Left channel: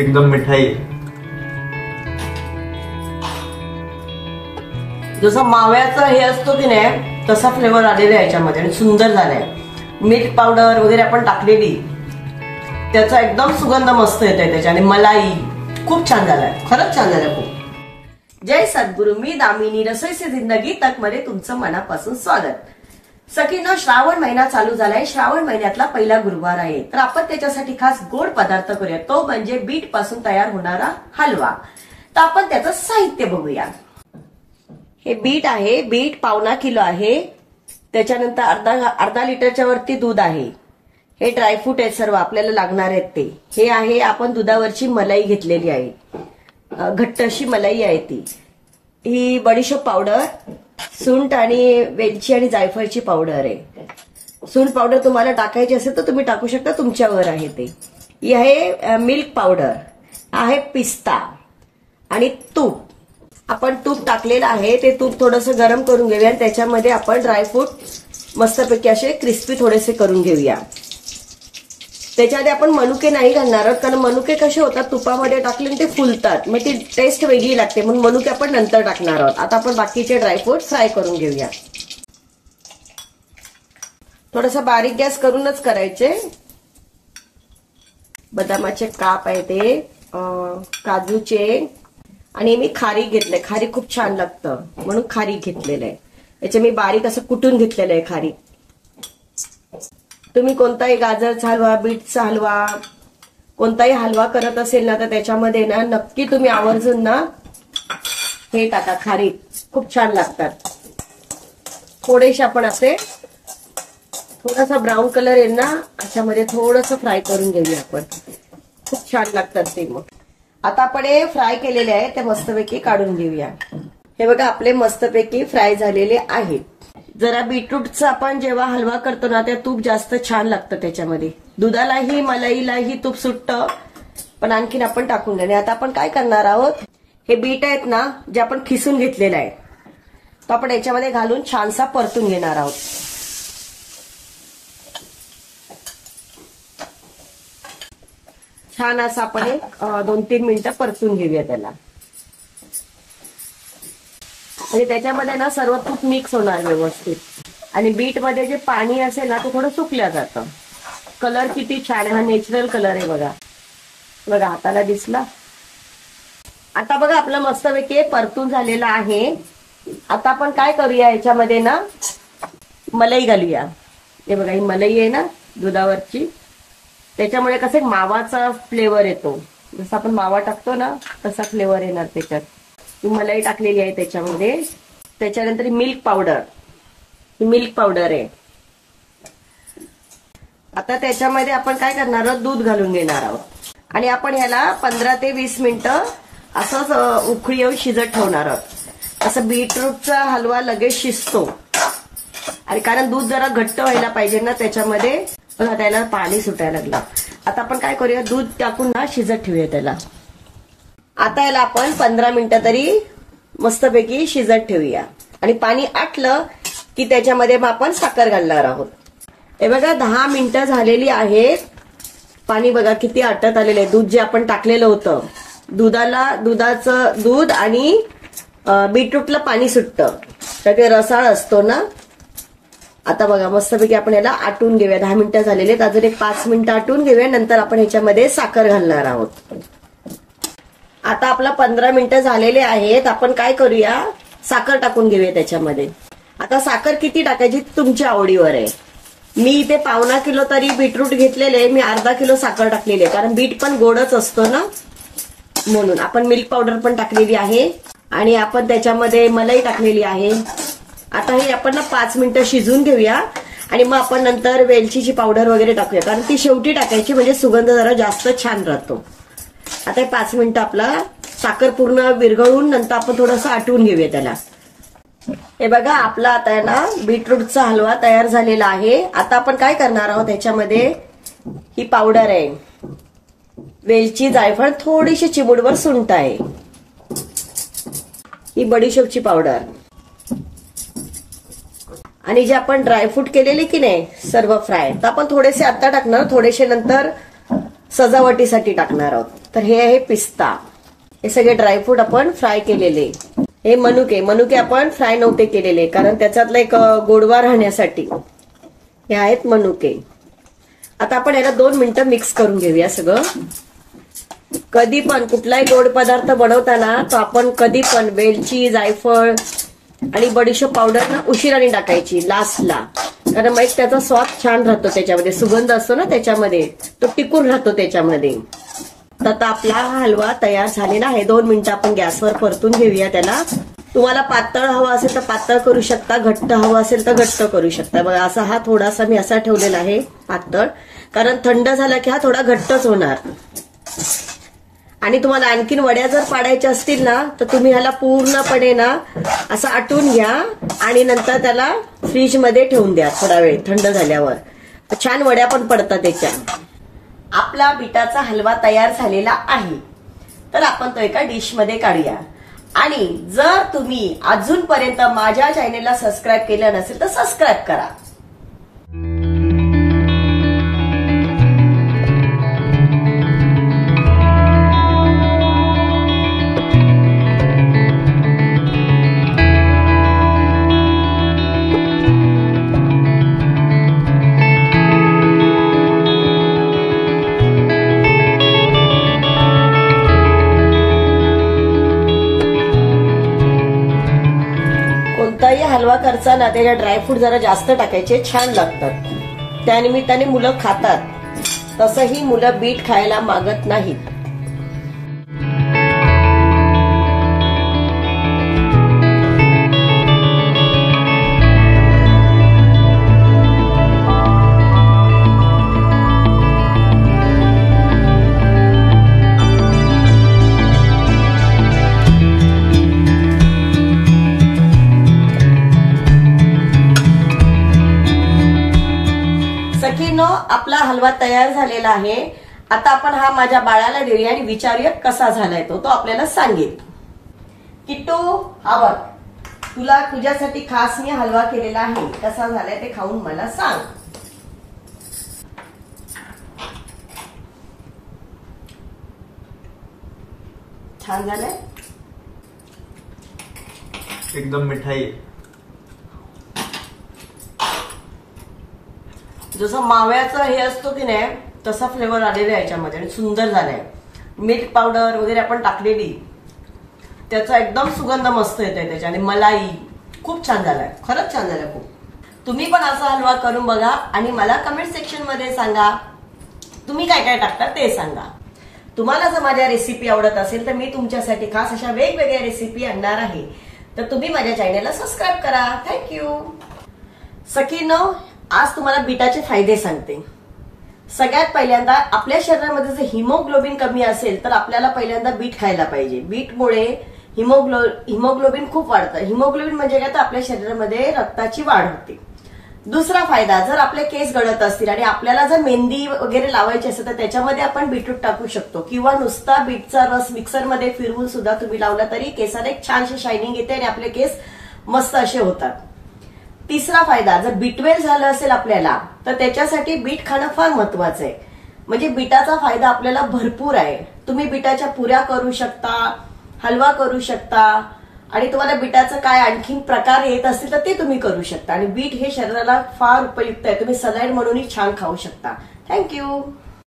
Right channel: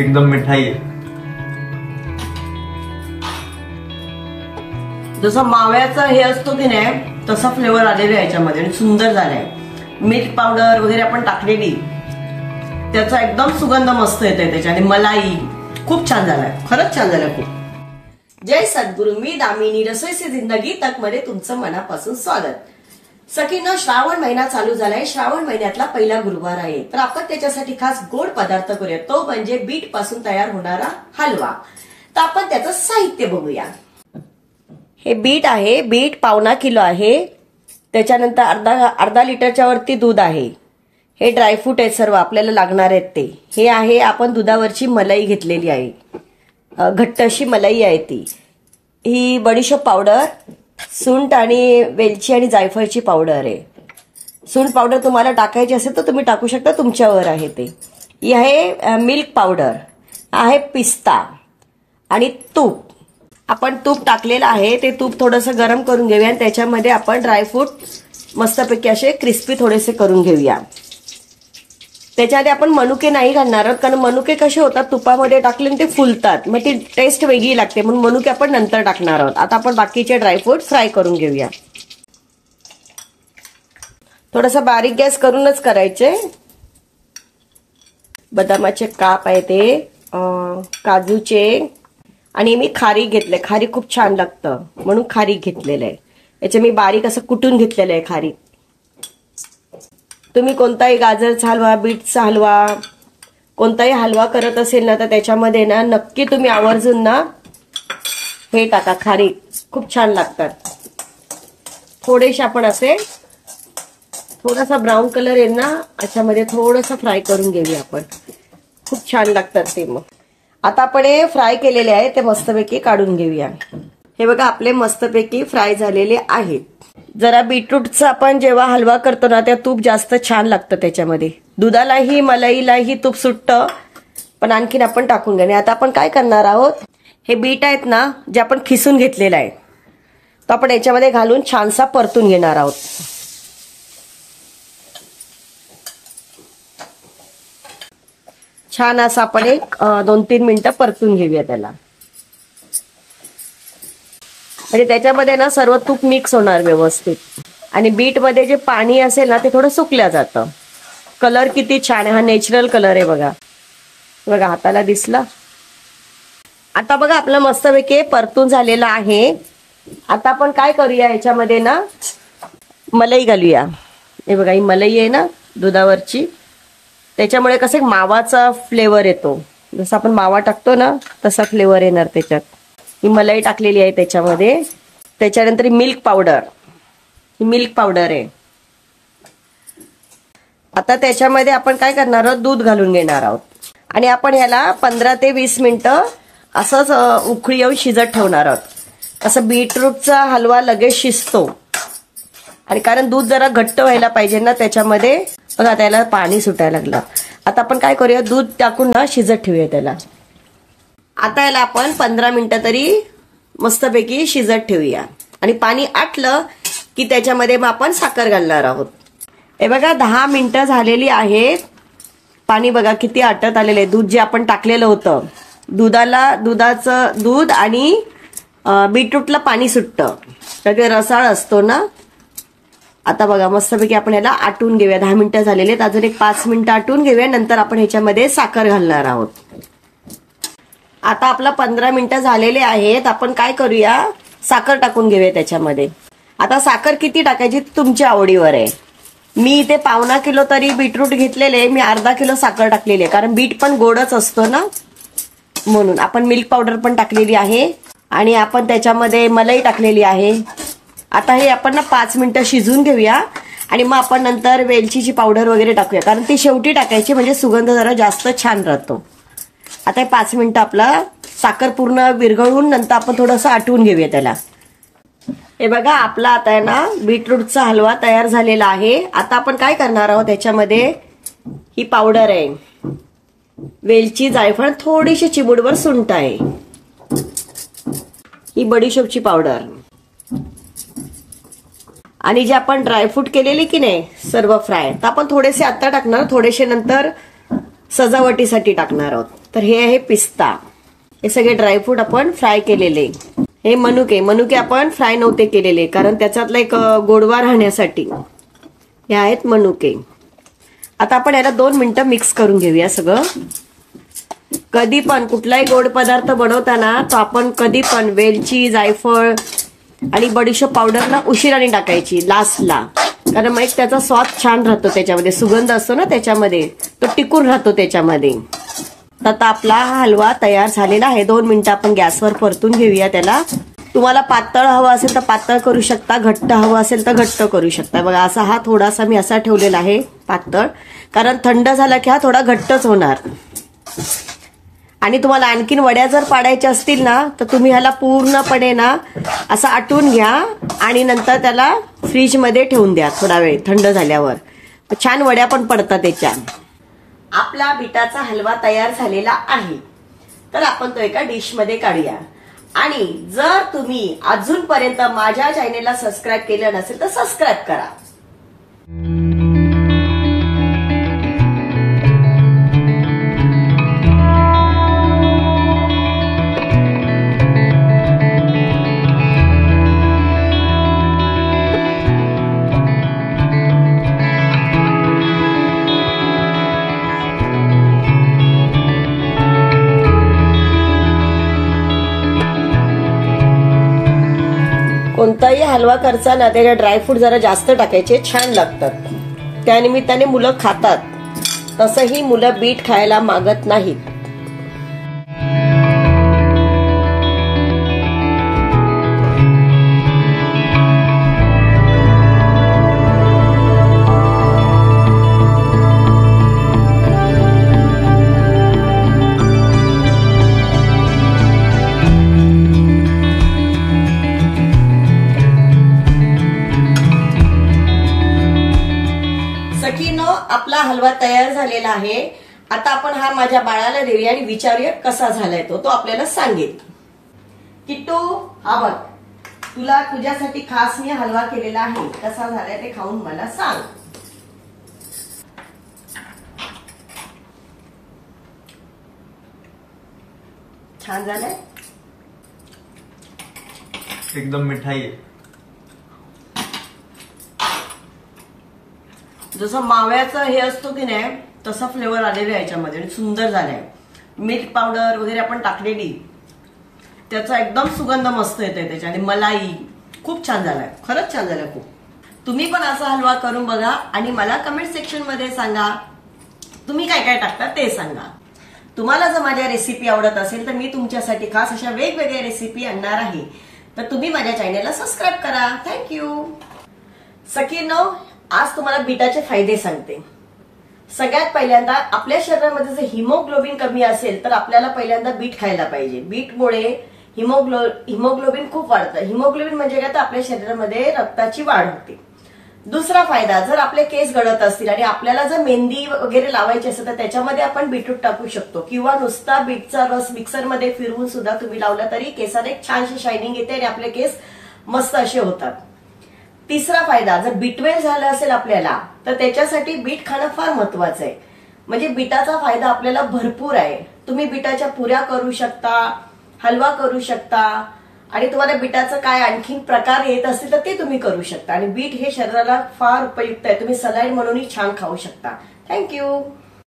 एकदम मिठाई आहे. जसं माव्याचा हे असतो की नाही तसा फ्लेवर आलेला आहे याच्यामध्ये आणि सुंदर झालाय. मिल्क पावडर वगैरे आपण टाकलेली त्याचा एकदम सुगंध मस्त येतोय त्याच्याने. मलाई खूप छान झालाय, खरंच छान झालाय खूप. जय सद्गुरु. मी दामिनी रसोई से जिंदगी तक मध्ये तुमचं मनापासून स्वागत. सखींनो, श्रावण महिना चालू झालाय. श्रावण महिन्यातला पहिला गुरुवार आहे, तर आपण त्याच्यासाठी खास गोड पदार्थ करूया, तो म्हणजे बीट पासून तयार होणारा हलवा. तर आपण त्याचं साहित्य बघूया. हे बीट आहे, बीट 1.25 किलो आहे. त्याच्यानंतर अर्धा लिटरच्या वरती दूध आहे. हे ड्रायफ्रूट आहेत सर्व आपल्याला लागणार आहेत ते. हे आहे आपण दुधावरची मलाई घेतलेली आहे, घट्ट अशी मलाई आहे ती. ही बडीशेप पावडर, सुंठ आणि वेलची आणि जायफळची पावडर आहे. सुंठ पावडर तुम्हाला टाकायची असेल तर तुम्ही टाकू शकता, तुमच्यावर आहे ते. ही आहे मिल्क पावडर, आहे पिस्ता आणि तूप. आपण तूप टाकलेलं आहे, ते तूप थोडंसं गरम करून घेऊया आणि त्याच्यामध्ये आपण ड्रायफ्रूट मस्तपैकी असे क्रिस्पी थोडेसे करून घेऊया. त्याच्यामध्ये आपण मनुके नाही घालणार आहोत, कारण मनुके कसे होतात तुपामध्ये टाकले ते फुलतात, मग ती टेस्ट वेगळी लागते, म्हणून मनुके आपण नंतर टाकणार आहोत. आता आपण बाकीचे ड्रायफ्रूट फ्राय करून घेऊया. थोडासा बारीक गॅस करूनच करायचे. बदामाचे काप आहे ते, काजूचे, आणि मी खारीक घेतलंय. खारीक खूप छान लागतं म्हणून खारीक घेतलेलं आहे. याचे मी बारीक असं कुटून घेतलेलं आहे खारीक. तुम्ही कोणताही गाजरचा हलवा, बीटचा हलवा, कोणताही हलवा करत असेल ना तर त्याच्यामध्ये ना नक्की तुम्ही आवर्जून ना हे टाका, खारीक. खूप छान लागतात. थोडेसे आपण असे थोडासा ब्राऊन कलर येईल ना याच्यामध्ये थोडंसं फ्राय करून घेऊया आपण. खूप छान लागतात ते. मग आता आपण हे फ्राय केलेले आहे ते मस्तपैकी काढून घेऊया. हे बघा आपले मस्तपैकी फ्राय झालेले आहेत. जरा बीटरूटचा आपण जेव्हा हलवा करतो ना त्या तूप जास्त छान लागतं त्याच्यामध्ये. दुधालाही मलाईलाही तूप सुटतं, पण आणखीन आपण टाकून घेणे. आता आपण काय करणार आहोत, हे बीट आहेत ना जे आपण खिसून घेतलेलं आहे तो आपण याच्यामध्ये घालून छानसा परतून घेणार आहोत. छान असं आपण एक 2-3 मिनिटं परतून घेऊया त्याला. म्हणजे त्याच्यामध्ये ना सर्व तूप मिक्स होणार व्यवस्थित, आणि बीट मध्ये जे पाणी असेल ना ते थोडं सुकलं जातं. कलर किती छान आहे, हा नॅचरल कलर आहे बघा. बघा हाताला दिसला. आता बघा आपलं मस्तपैकी परतून झालेलं आहे. आता आपण काय करूया, याच्यामध्ये ना मलाई घालूया. हे बघा ही मलाई आहे ना दुधावरची, त्याच्यामुळे कसं मावाचा फ्लेवर येतो. जसं आपण मावा टाकतो ना तसा फ्लेवर येणार त्याच्यात. ही मलाई टाकलेली आहे त्याच्यामध्ये. त्याच्यानंतर मिल्क पावडर, मिल्क पावडर आहे. आता त्याच्यामध्ये आपण काय करणार आहोत, दूध घालून घेणार आहोत आणि आपण ह्याला 15 ते 20 मिनिटं असंच उकळी येऊन शिजत ठेवणार आहोत. असं बीटरूटचा हलवा लगेच शिजतो, आणि कारण दूध जरा घट्ट व्हायला पाहिजे ना त्याच्यामध्ये. बघा त्याला पाणी सुटायला लागलं. आता आपण काय करूया, दूध टाकून ना शिजत ठेवूया त्याला. आता याला आपण 15 मिनिटं तरी मस्तपैकी शिजत ठेवूया, आणि पाणी आटलं की त्याच्यामध्ये मग आपण साखर घालणार आहोत. हे बघा 10 मिनिटं झालेली आहेत. पाणी बघा किती आटत आलेलं आहे. दूध जे आपण टाकलेलं होतं, दुधाचं दूध आणि बीटरूटला पाणी सुटतं, सगळे रसाळ असतो ना. आता बघा मस्तपैकी आपण याला आटून घेऊया. 10 मिनिटं झालेले आहेत, अजून एक 5 मिनिटं आटून घेऊया, नंतर आपण ह्याच्यामध्ये साखर घालणार आहोत. आता आपला 15 मिनिटं झालेले आहेत. आपण काय करूया, साखर टाकून घेऊया त्याच्यामध्ये. आता साखर किती टाकायची तुमच्या आवडीवर आहे. मी इथे 1.25 किलो तरी बीटरूट घेतलेले, मी अर्धा किलो साखर टाकलेली आहे, कारण बीट पण गोडच असतो ना म्हणून. आपण मिल्क पावडर पण टाकलेली आहे आणि आपण त्याच्यामध्ये मलाई टाकलेली आहे. आता हे आपण ना 5 मिनिटं शिजून घेऊया, आणि मग आपण नंतर वेलचीची पावडर वगैरे टाकूया, कारण ती शेवटी टाकायची म्हणजे सुगंध जरा जास्त छान राहतो. आता 5 मिनिटं आपला साखर पूर्ण विरघळून नंतर आपण थोडंसं आटवून घेऊया त्याला. हे बघा आपला आता आहे ना बीटरूटचा हलवा तयार झालेला आहे. आता आपण काय करणार आहोत, त्याच्यामध्ये ही पावडर आहे, वेलची, जायफळ, थोडीशी चिमूटभर सुंठ आहे, ही बडीशेपची पावडर, आणि जे आपण ड्रायफ्रूट केलेले की नाही सर्व फ्राय, तर आपण थोडेसे आता टाकणार, थोडेसे नंतर सजावटीसाठी टाकणार आहोत. तर हे आहे पिस्ता, हे सगळे ड्रायफ्रूट आपण फ्राय केलेले. हे मनुके आपण फ्राय नव्हते केलेले कारण त्याच्यातला एक गोडवा राहण्यासाठी. हे आहेत मनुके. आता आपण याला 2 मिनिटं मिक्स करून घेऊया सगळं. कधी पण कुठलाही गोड पदार्थ बनवताना तो आपण कधी पण वेलची, जायफळ आणि बडीशेप पावडर ना उशिराने टाकायची लास्टला, कारण मग त्याचा स्वाद छान राहतो, त्याच्यामध्ये सुगंध असतो ना त्याच्यामध्ये, तो टिकून राहतो त्याच्यामध्ये. आता आपला हलवा तयार झालेला आहे. 2 मिनिटं आपण गॅसवर परतून घेऊया त्याला. तुम्हाला पातळ हवा असेल तर पातळ करू शकता, घट्ट हवा असेल तर घट्ट करू शकता. बघा असा हा थोडासा मी असा ठेवलेला आहे पातळ, कारण थंड झाला की हा थोडा घट्टच होणार. आणि तुम्हाला आणखीन वड्या जर पाडायच्या असतील ना तर तुम्ही ह्याला पूर्णपणे ना असं आटून घ्या आणि नंतर त्याला फ्रीजमध्ये ठेवून द्या थोडा वेळ थंड झाल्यावर, तर छान वड्या पण पडतात त्याच्या. आपला बीटाचा हलवा तयार झालेला आहे. तर आपण तो एका डिशमध्ये काढूया. आणि जर तुम्ही अजूनपर्यंत माझ्या चॅनेलला सबस्क्राईब केलं नसेल तर सबस्क्राईब करा. कोणताही हलवा करताना त्याच्या ड्रायफ्रूट जरा जास्त टाकायचे, छान लागतात. त्यानिमित्ताने मुलं खातात. तसंही मुलं बीट खायला मागत नाहीत. सखीनो, आपला हलवा तयार झालेला आहे. आता आपण हा माझ्या बाळाला देऊया आणि विचारूया कसा झालाय तो आपल्याला सांगेल. किट्टू, हा बघ, तुला तुझ्यासाठी खास मी हलवा केलेला आहे. कसा झालाय ते खाऊन मला सांग. छान झालंय, एकदम मिठाई आहे. जसं माव्याचं हे असतो की नाही तसा फ्लेवर आलेला आहे याच्यामध्ये आणि सुंदर झालाय. मिल्क पावडर वगैरे आपण टाकलेली, त्याचा एकदम सुगंध मस्त येतोय त्याच्या, आणि मलाई खूप छान झालाय. खरंच छान झालाय खूप. तुम्ही पण असा हलवा करून बघा आणि मला कमेंट सेक्शन मध्ये सांगा तुम्ही काय काय टाकता ते सांगा. तुम्हाला जर माझ्या रेसिपी आवडत असेल तर मी तुमच्यासाठी खास अशा वेगवेगळ्या रेसिपी आणणार आहे. तर तुम्ही माझ्या चॅनेलला सबस्क्राईब करा. थँक्यू. सखीनो, आज तुम्हाला बीटाचे फायदे सांगते. सगळ्यात पहिल्यांदा आपल्या शरीरामध्ये जर हिमोग्लोबिन कमी असेल तर आपल्याला पहिल्यांदा बीट खायला पाहिजे. बीटमुळे हिमोग्लोबिन खूप वाढतं. हिमोग्लोबिन म्हणजे काय, तर आपल्या शरीरामध्ये रक्ताची वाढ होते. दुसरा फायदा, जर आपले केस गळत असतील आणि आपल्याला जर मेहंदी वगैरे लावायची असेल तर त्याच्यामध्ये आपण बीटरूट टाकू शकतो, किंवा नुसता बीटचा रस मिक्सरमध्ये फिरवून सुद्धा तुम्ही लावला तरी केसाला एक छानशी शायनिंग येते आणि आपले केस मस्त असे होतात. तिसरा फायदा, जर बीटवेल झालं असेल आपल्याला तर त्याच्यासाठी बीट खाणं फार महत्वाचं आहे. म्हणजे बीटाचा फायदा आपल्याला भरपूर आहे. तुम्ही बीटाच्या पुऱ्या करू शकता, हलवा करू शकता, आणि तुम्हाला बीटाचं काय आणखीन प्रकार येत असतील तर ते तुम्ही करू शकता. आणि बीट हे शरीराला फार उपयुक्त आहे. तुम्ही सलाड म्हणूनही छान खाऊ शकता. थँक्यू.